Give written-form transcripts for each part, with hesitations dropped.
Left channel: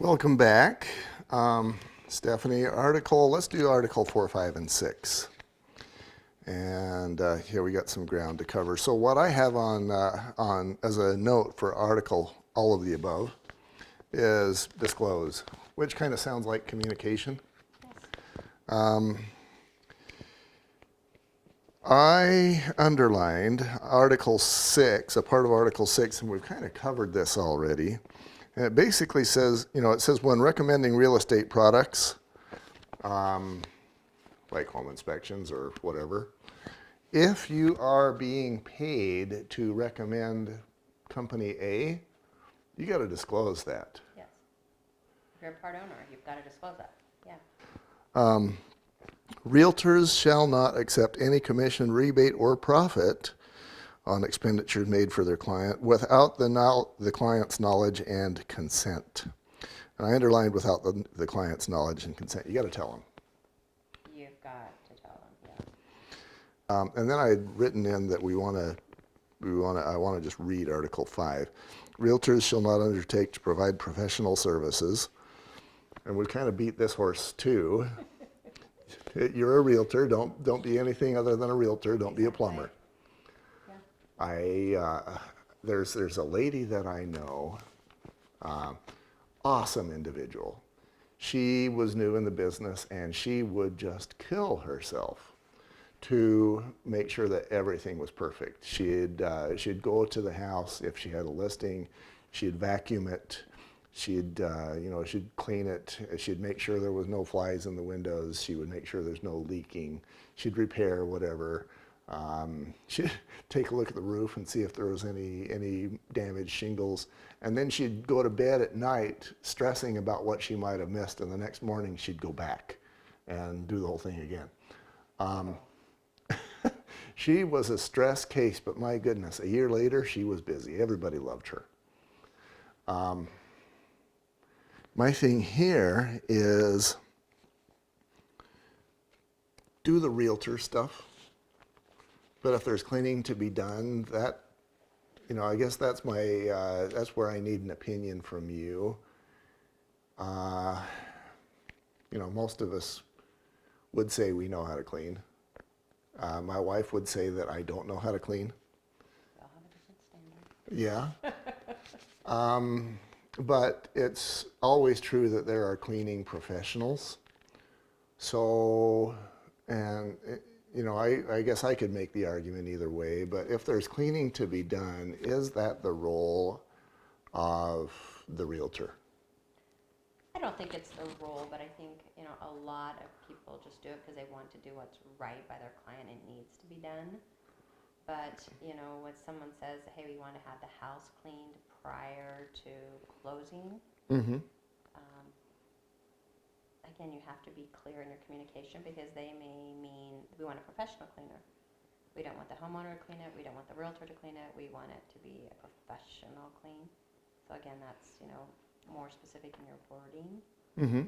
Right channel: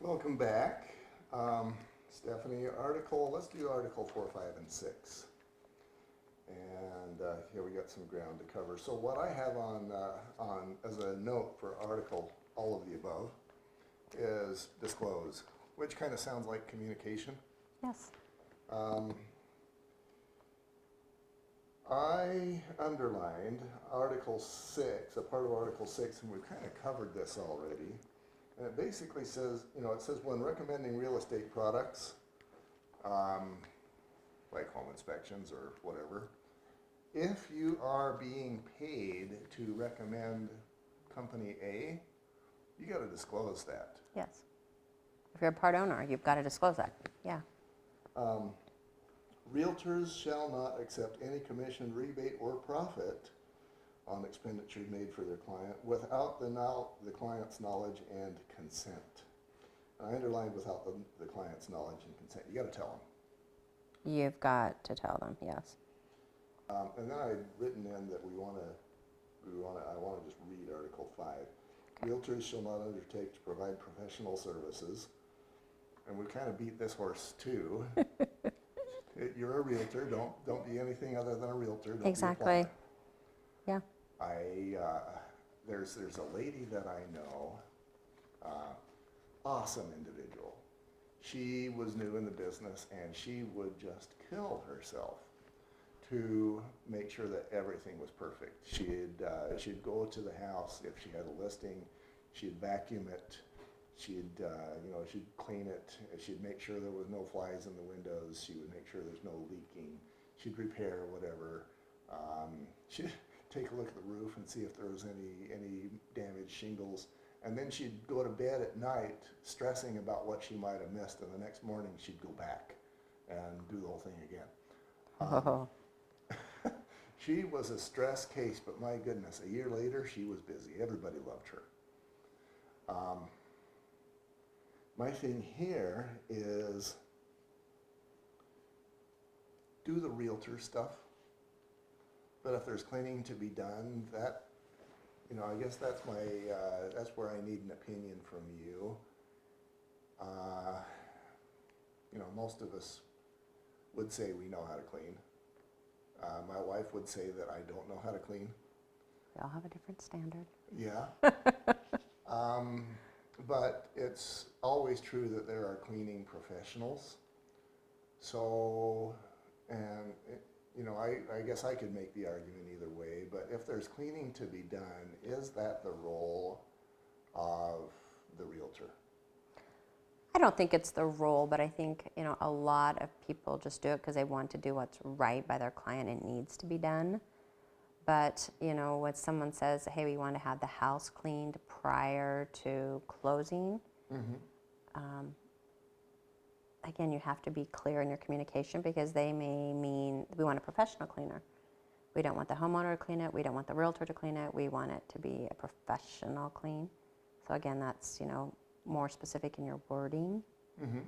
Welcome back. Stephanie, let's do Article 4, 5, and 6. And here we got some ground to cover. So what I have on as a note for Article, all of the above, is disclose, which kind of sounds like communication. Yes. I underlined Article 6, a part of Article 6, and we've kind of covered this already. And it basically says, it says when recommending real estate products, like home inspections or whatever, if you are being paid to recommend company A, you got to disclose that. Yes. If you're a part owner, you've got to disclose that. Yeah. Realtors shall not accept any commission, rebate, or profit on expenditures made for their client without the client's knowledge and consent. And I underlined without the client's knowledge and consent. You got to tell them. You've got to tell them, yes. And then I had written in that I want to just read Article 5. Realtors shall not undertake to provide professional services. And we've kind of beat this horse too. You're a realtor. Don't be anything other than a realtor. Don't be a plumber. Yeah. There's a lady that I know, awesome individual. She was new in the business and she would just kill herself to make sure that everything was perfect. She'd go to the house if she had a listing, she'd vacuum it, she'd clean it, she'd make sure there was no flies in the windows, she would make sure there's no leaking, she'd repair whatever. She'd take a look at the roof and see if there was any damaged shingles, and then she'd go to bed at night stressing about what she might have missed, and the next morning she'd go back and do the whole thing again. She was a stress case, but my goodness, a year later, she was busy. Everybody loved her. My thing here is do the realtor stuff, but if there's cleaning to be done, I guess that's where I need an opinion from you. Most of us would say we know how to clean. My wife would say that I don't know how to clean. We all have a different standard. Yeah. But it's always true that there are cleaning professionals. So, I guess I could make the argument either way, but if there's cleaning to be done, is that the role of the realtor? I don't think it's the role, but I think, a lot of people just do it because they want to do what's right by their client and needs to be done. But, when someone says, hey, we want to have the house cleaned prior to closing, again, you have to be clear in your communication because they may mean we want a professional cleaner. We don't want the homeowner to clean it. We don't want the realtor to clean it. We want it to be a professional clean. So again, that's, more specific in your wording. Mm-hmm.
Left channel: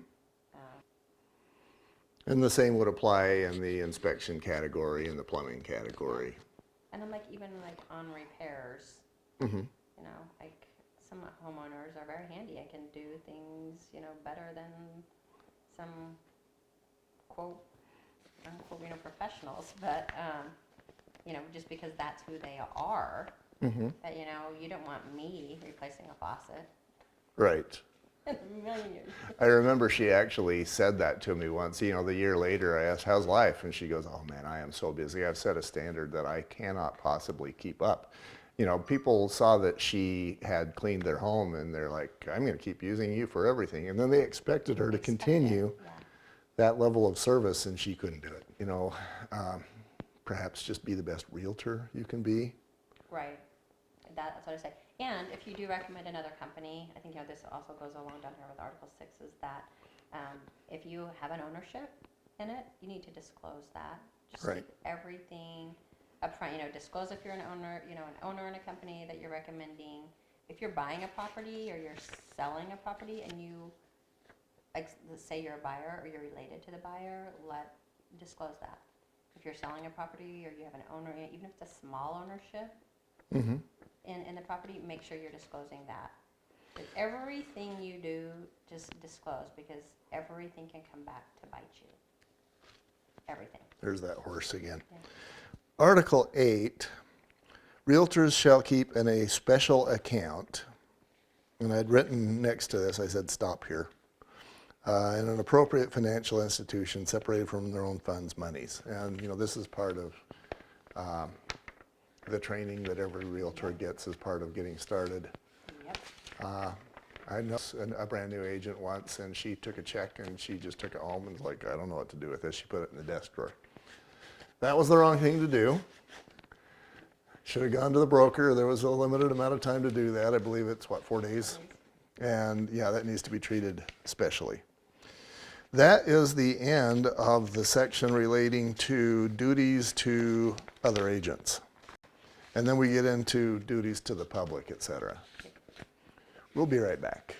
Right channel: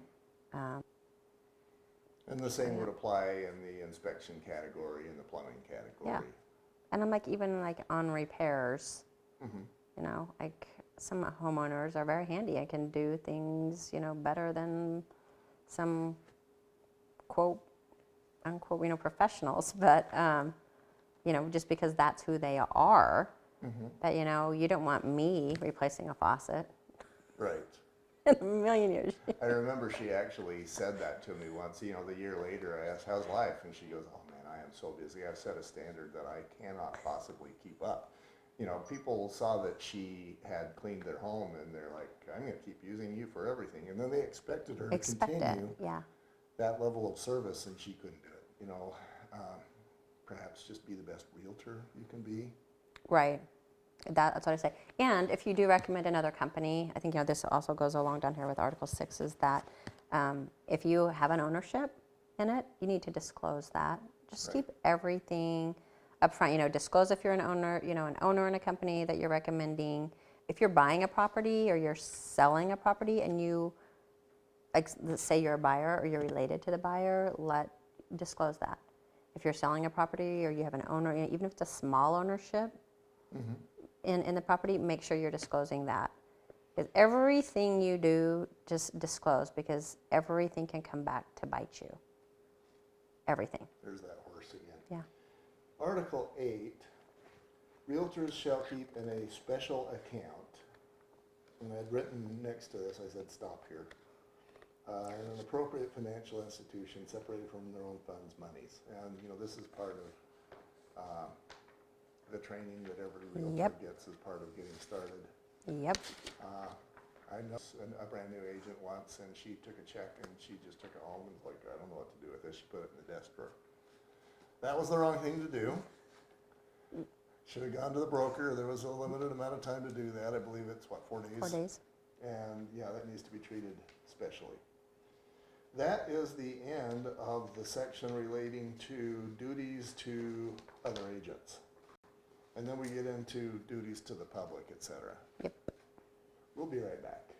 And the same would apply in the inspection category and the plumbing category. Yeah. And I'm like, even like on repairs, like some homeowners are very handy and can do things, better than some quote, unquote, professionals. But, just because that's who they are, that, you don't want me replacing a faucet. Right. In a million years. I remember she actually said that to me once. The year later, I asked, how's life? And she goes, oh man, I am so busy. I've set a standard that I cannot possibly keep up. People saw that she had cleaned their home and they're like, I'm going to keep using you for everything. And then they expected her to continue that level of service, and she couldn't do it. Perhaps just be the best realtor you can be. Right. That's what I say. And if you do recommend another company, I think this also goes along down here with Article 6, is that if you have an ownership in it, you need to disclose that. Just keep everything up front. Disclose if you're an owner, an owner in a company that you're recommending. If you're buying a property or you're selling a property and you, like, say you're a buyer or you're related to the buyer, disclose that. If you're selling a property or you have an owner, even if it's a small ownership, in the property, make sure you're disclosing that. Because everything you do, just disclose, because everything can come back to bite you. Everything. There's that horse again. Yeah. Article 8, realtors shall keep in a special account, and I'd written next to this, I said stop here, in an appropriate financial institution separated from their own funds monies. And, you know, this is part of the training that every realtor Yep. gets as part of getting started. Yep. I know a brand new agent once, and she took a check and she just took it home and was like, I don't know what to do with this. She put it in the desk drawer. That was the wrong thing to do. Should have gone to the broker. There was a limited amount of time to do that. I believe it's, what, 4 days? 4 days. And yeah, that needs to be treated specially. That is the end of the section relating to duties to other agents. And then we get into duties to the public, et cetera. Yep. We'll be right back.